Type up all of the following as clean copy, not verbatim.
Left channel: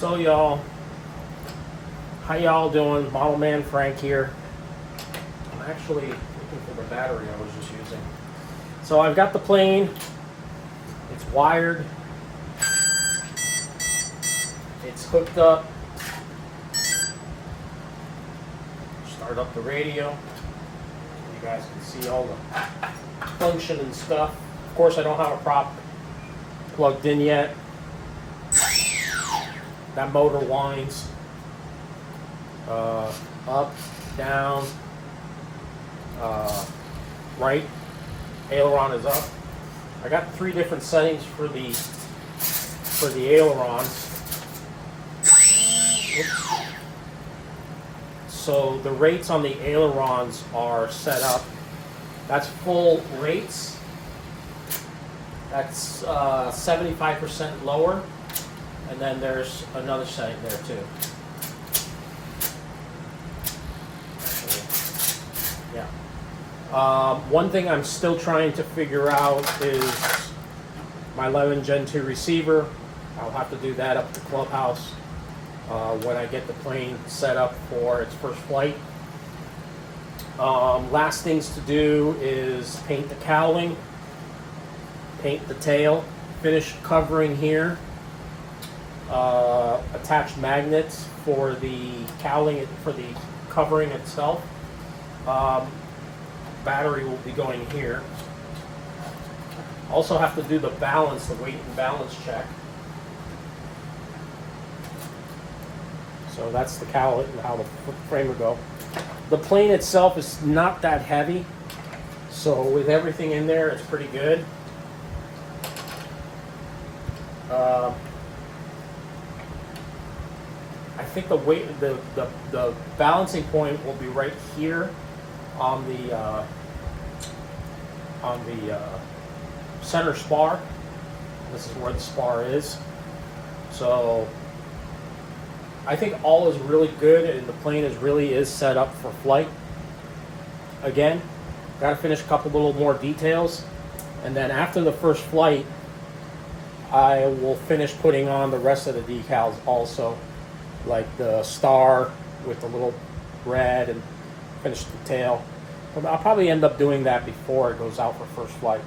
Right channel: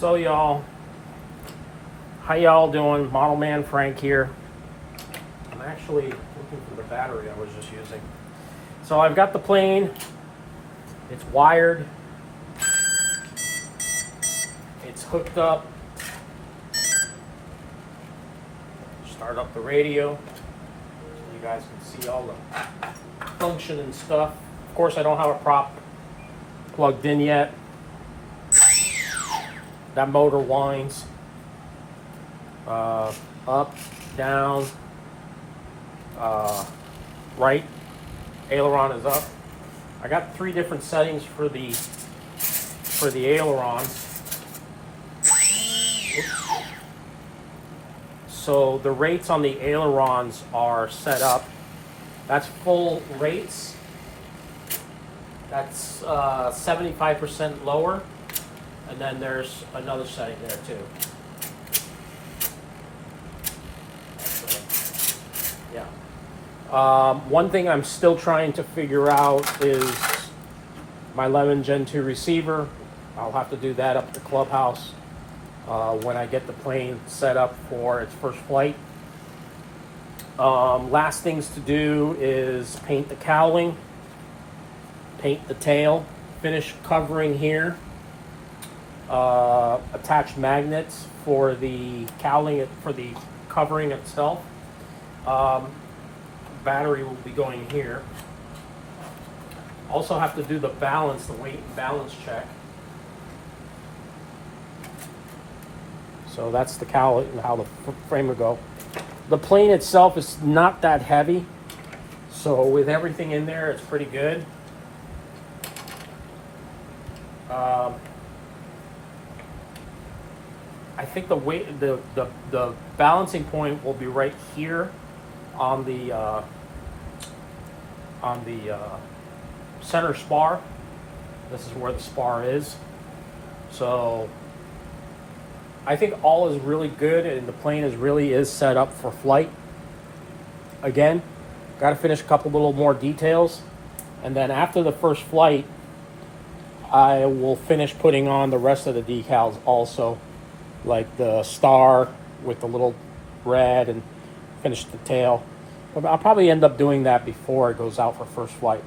So y'all, how y'all doing? Model Man Frank here. I'm actually looking for the battery I was just using. So I've got the plane. It's wired. It's hooked up. Start up the radio. You guys can see all the function and stuff. Of course, I don't have a prop plugged in yet. That motor winds up, down, right. Aileron is up. I got 3 different settings for the ailerons. Oops. So the rates on the ailerons are set up. That's full rates. That's 75% lower. And then there's another setting there too. Yeah. One thing I'm still trying to figure out is my 11 Gen 2 receiver. I'll have to do that up at the clubhouse when I get the plane set up for its first flight. Last things to do is paint the cowling, paint the tail, finish covering here. Attach magnets for the cowling, for the covering itself. Battery will be going here. Also have to do the balance, the weight and balance check. So that's the cowling and how the frame will go. The plane itself is not that heavy, so with everything in there, it's pretty good. I think the weight, the balancing point will be right here on the center spar. This is where the spar is. So I think all is really good, and the plane is set up for flight. Again, got to finish a couple little more details, and then after the first flight, I will finish putting on the rest of the decals also. Like the star with the little red, and finish the tail. But I'll probably end up doing that before it goes out for first flight.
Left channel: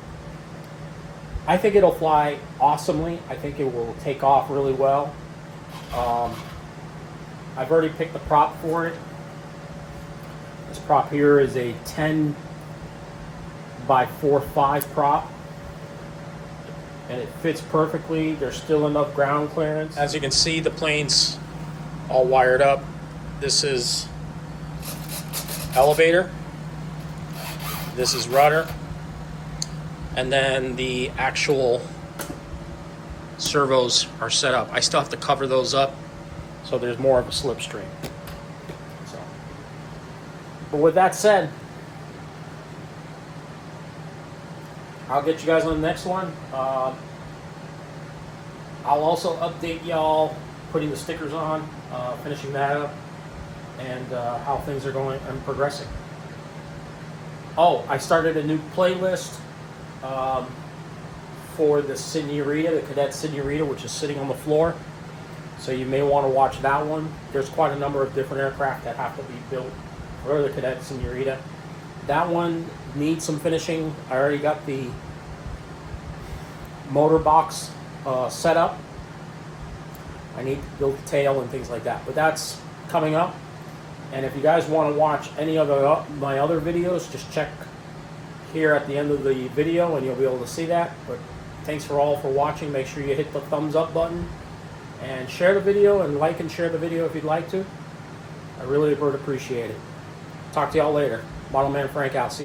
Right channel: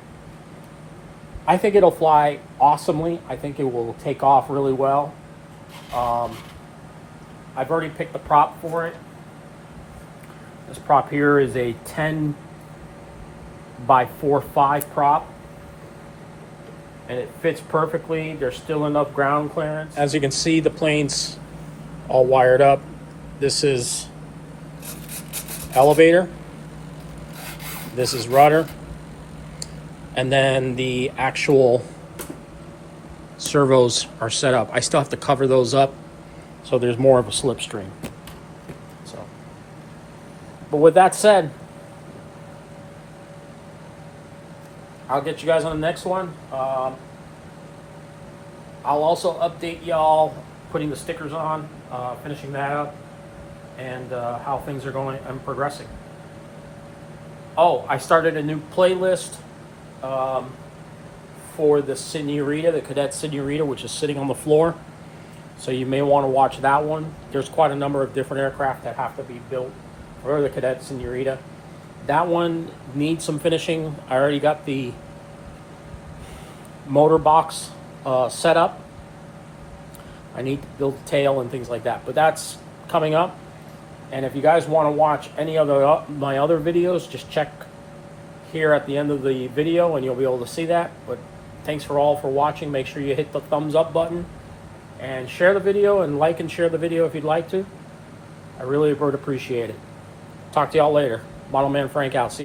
I think it'll fly awesomely. I think it will take off really well. I've already picked the prop for it. This prop here is a 10 by 4.5 prop. And it fits perfectly. There's still enough ground clearance. As you can see, the plane's all wired up. This is elevator. This is rudder. And then the actual servos are set up. I still have to cover those up so there's more of a slipstream. So, but with that said, I'll get you guys on the next one. I'll also update y'all putting the stickers on, finishing that up, and how things are going and progressing. Oh, I started a new playlist for the Senorita, the Cadet Senorita, which is sitting on the floor. So you may want to watch that one. There's quite a number of different aircraft that have to be built for the Cadet Senorita. That one needs some finishing. I already got the motor box set up. I need to build the tail and things like that, but that's coming up. And if you guys want to watch any of my other videos, just check here at the end of the video and you'll be able to see that. But thanks for all for watching. Make sure you hit the thumbs up button and share the video, and like and share the video if you'd like to. I really would appreciate it. Talk to y'all later. Model Man Frank out. See you.